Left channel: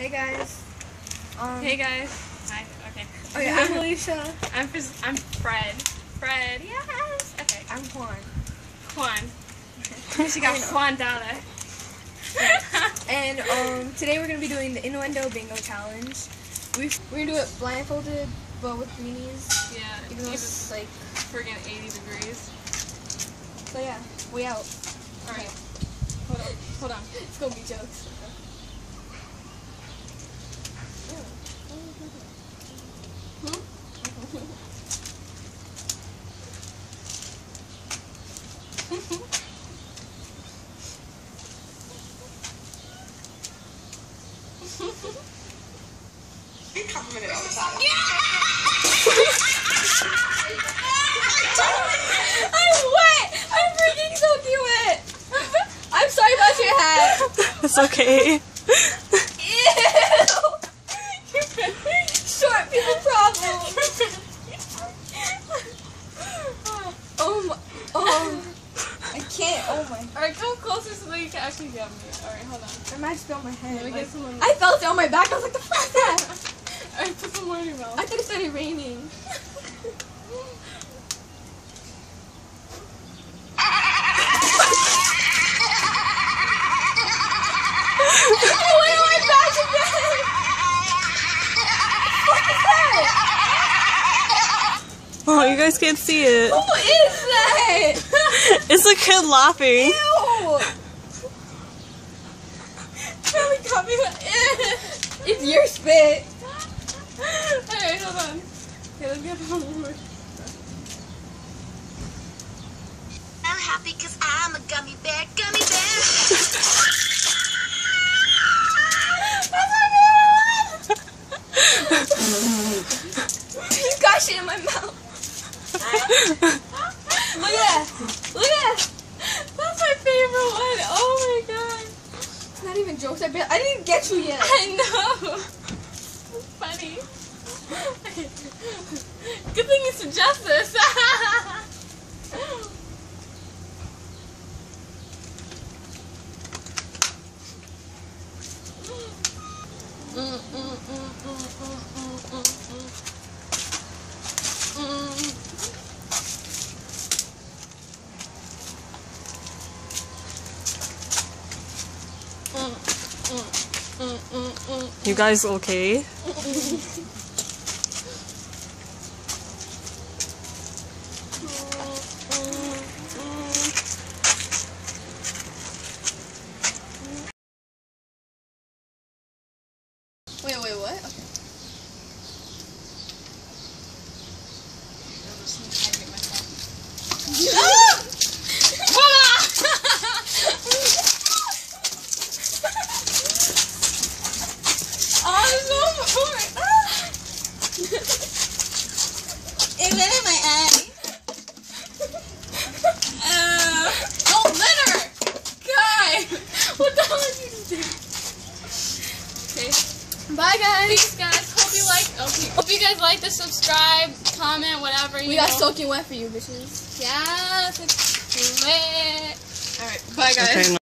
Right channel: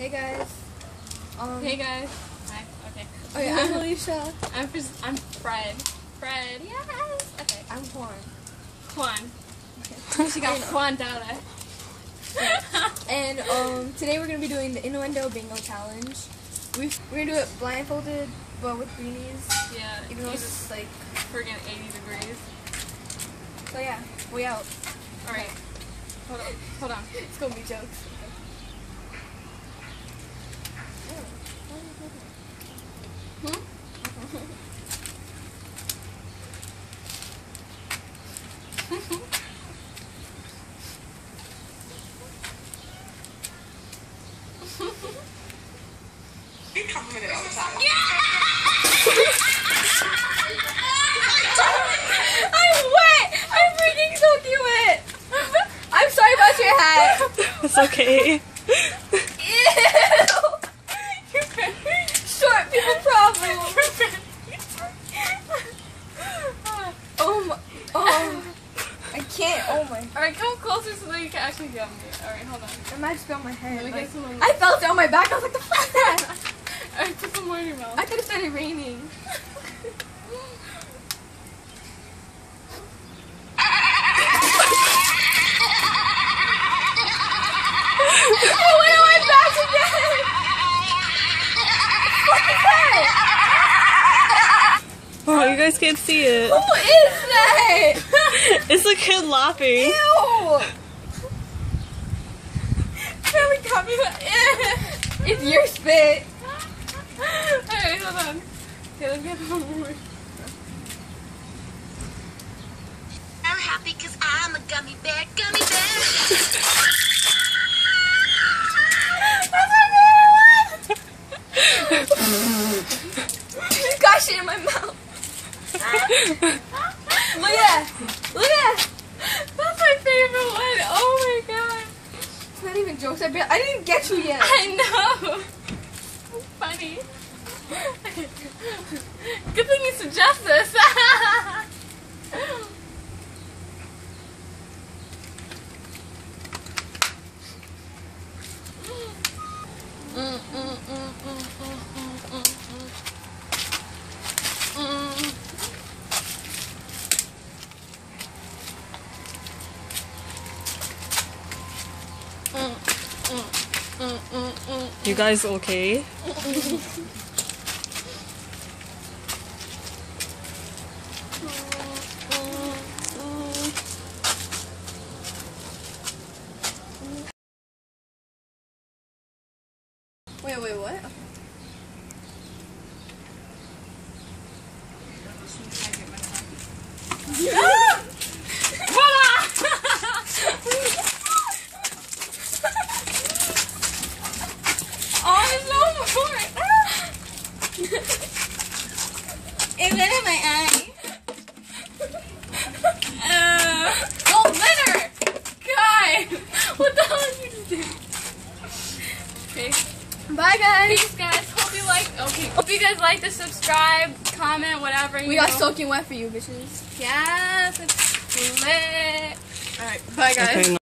Hey guys. Hey guys. Hi. Okay. Okay, I'm Alicia. I'm Fred. Fred. Yes. Okay. I'm Juan. Juan. She got Juan down there. And today we're gonna be doing the Innuendo Bingo Challenge. We're gonna do it blindfolded, but with greenies. Yeah. Even though it's like friggin' 80 degrees. So yeah, we out. All right. Hold on. Hold on. It's gonna be jokes. You compliment it all the time. I'm wet! I'm freaking soaking wet! I'm sorry about your hat! It's okay. Ew! Short people problem! I can't, oh my. Alright, come closer so that you can actually get me. Alright, hold on. I might just be on my head. Let me get some on I felt it on my back, I was like, the fuck is that? Alright, put some more in your mouth. I thought it started raining. Oh, you guys can't see it. Who is that? It's a kid laughing. Ew! Really got me. It's your spit. Alright, hold on. Okay, let's get one more. I'm happy because I'm a gummy bear, gummy bear. You got shit in my mouth. Look at That's my favorite one. Oh my god. It's not even jokes. I didn't even get you yet. I know. So funny. Good thing you suggest this. You guys okay? Wait, what? Okay. Just need to hydrate myself. It went in my eye. Oh, litter! Guy! What the hell did you just do? Okay. Bye, guys. Peace, guys. Hope you like. Okay. Hope you guys like this. Subscribe, comment, whatever. We got soaking wet for you, bitches. Yes, it's lit. Alright. Bye, guys. Okay,